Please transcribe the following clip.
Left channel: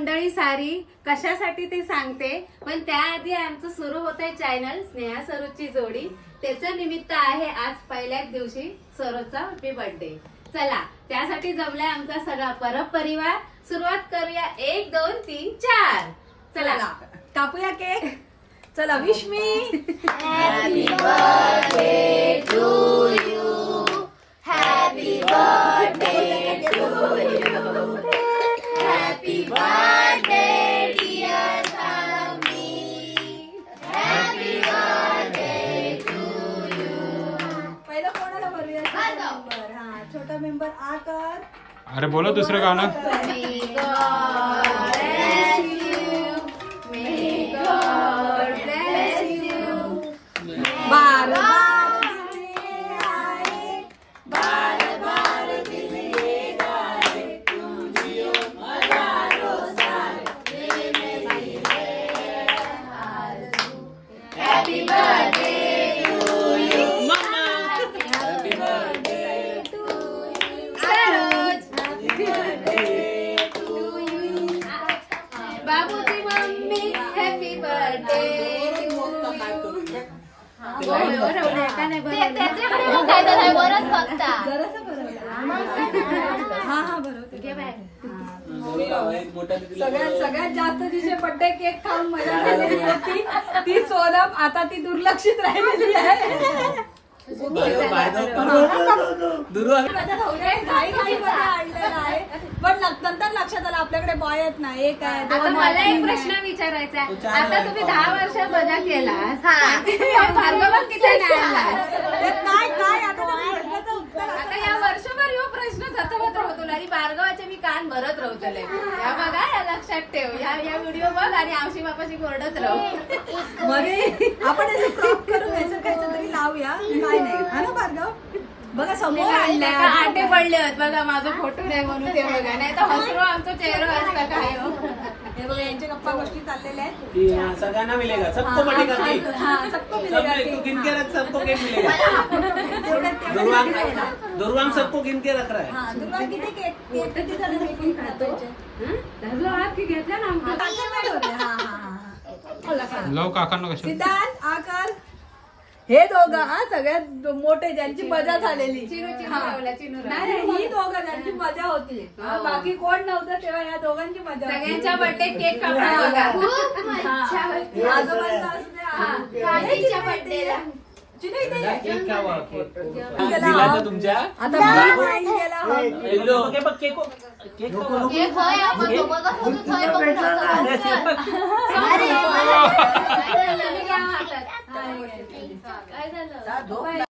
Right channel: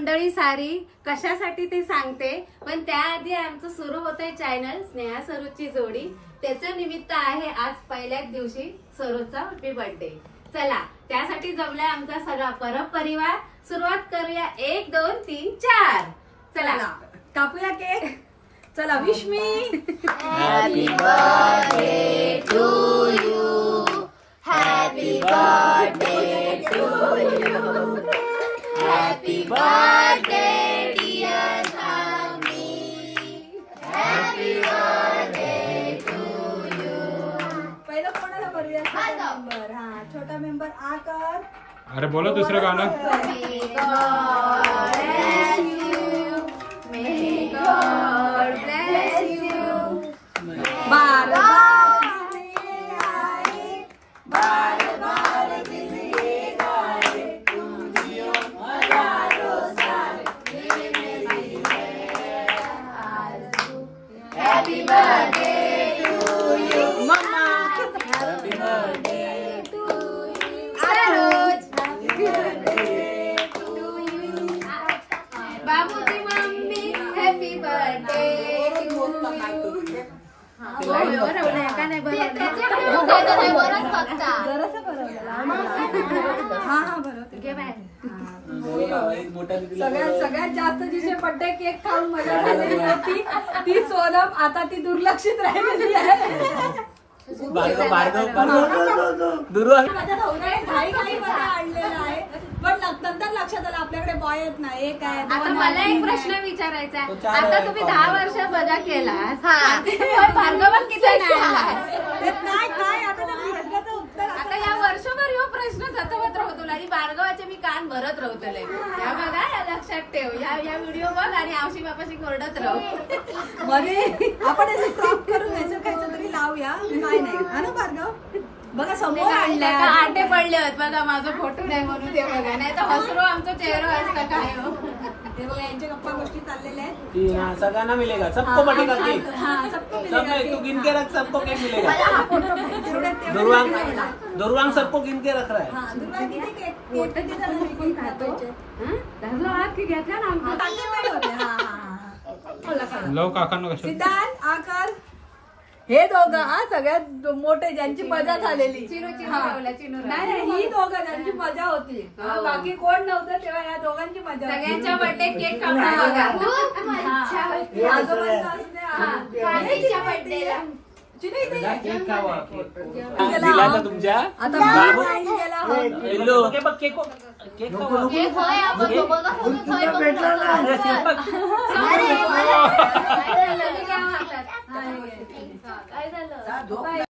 मंडळी सारी कशासाठी ते सांगते, पण त्याआधी आमचं सुरू होतंय चॅनल स्नेहा सरोजची जोडी. त्याचं निमित्त आहे आज पहिल्याच दिवशी सरोजचा हॅपी बर्थडे. चला त्यासाठी जमलाय आमचा सगळा परपरिवार. सुरुवात करूया 1 2 3 4. चला कापूया केक. चला wish me. Happy birthday to you, happy birthday to you, happy birthday dear mummy, happy birthday to you. पहिलं कोणाला भरूया? मेंबर. हा छोटा मेंबर आकार. अरे बोलो दुसरं गाणं. May God bless you, may God bless you. बार बार दिली आहे, बार बार दिली गाय, तुझी हजारो साल मेरी है आरज़ू. Happy birthday to you, मम्मा. happy birthday to you, Saroj. Happy birthday to you. बाबूची मम्मी happy birthday to you. हा हा बरोबर. सगळ्यात जास्त जिचे बर्थडे केक खाऊन मजा झालेली होती ती सोनम. आता ती दुर्लक्षित राहिलेली आहे. माझ्या घाई मध्ये आणलेला आहे, पण नंतर लक्षात आलं आपल्याकडे बॉय आहेत ना. एक आहे, आता मला एक प्रश्न विचारायचा आहे. आता तुम्ही 10 वर्ष मजा केलास, भार्गव किती नाही आणलास? काय काय आता त्या प्रश्नाचं उत्तर आता या वर्षभर ह्यो प्रश्न सतवत राहतो आणि भार्गवाचे मी कान भरत राहतले. या बघा, या लक्षात ठेव. या व्हिडिओ बघ आणि आवशी बापाशी कोरडत राहू. मध्ये आपण असं क्रॉप करून याचं काहीच तरी लावूया. काय नाही हा ना भार्गव. बघा समोर आणलाय. आटे पडले आहेत बघा, माझा फोटो नाही म्हणून ते बघा, नाही तर हसरो आमचा चेहरा असता काय. हे बघा यांच्या गप्पा गोष्टी चाललेल्या आहेत. सगळ्यांना मिलेगा, सबको बढ़ेगा केक. हाँ सबको मिलेगा. तू गिन के रख, सबको केक मिलेगा. दुर्वांग सबको गिन के रख रहा है. हाँ दुर्गा किती केक किती जण मी खातो. धरलो आत की घेतला ना आमचा. हा हा हा. लव काकांना कशा. सिद्धांत आकार. हे दोघं हा सगळ्यात मोठे ज्यांची मजा झालेली. चिनू हा. लावला, चिनू नाही नाही, ही दोघं ज्यांची मजा होती. हा, बाकी कोण नव्हतं तेव्हा या दोघांची मजा होती. सगळ्यांच्या बर्थडे केक कापला बघा. खूप मजा होती. आजोबांचा असू दे, हा. काकीच्या बर्थडेला चिनू इथे ये. केक खावा. गेला हा. तुमच्या आता मी वाईन गेला हा. येलो केक केक काय झालं?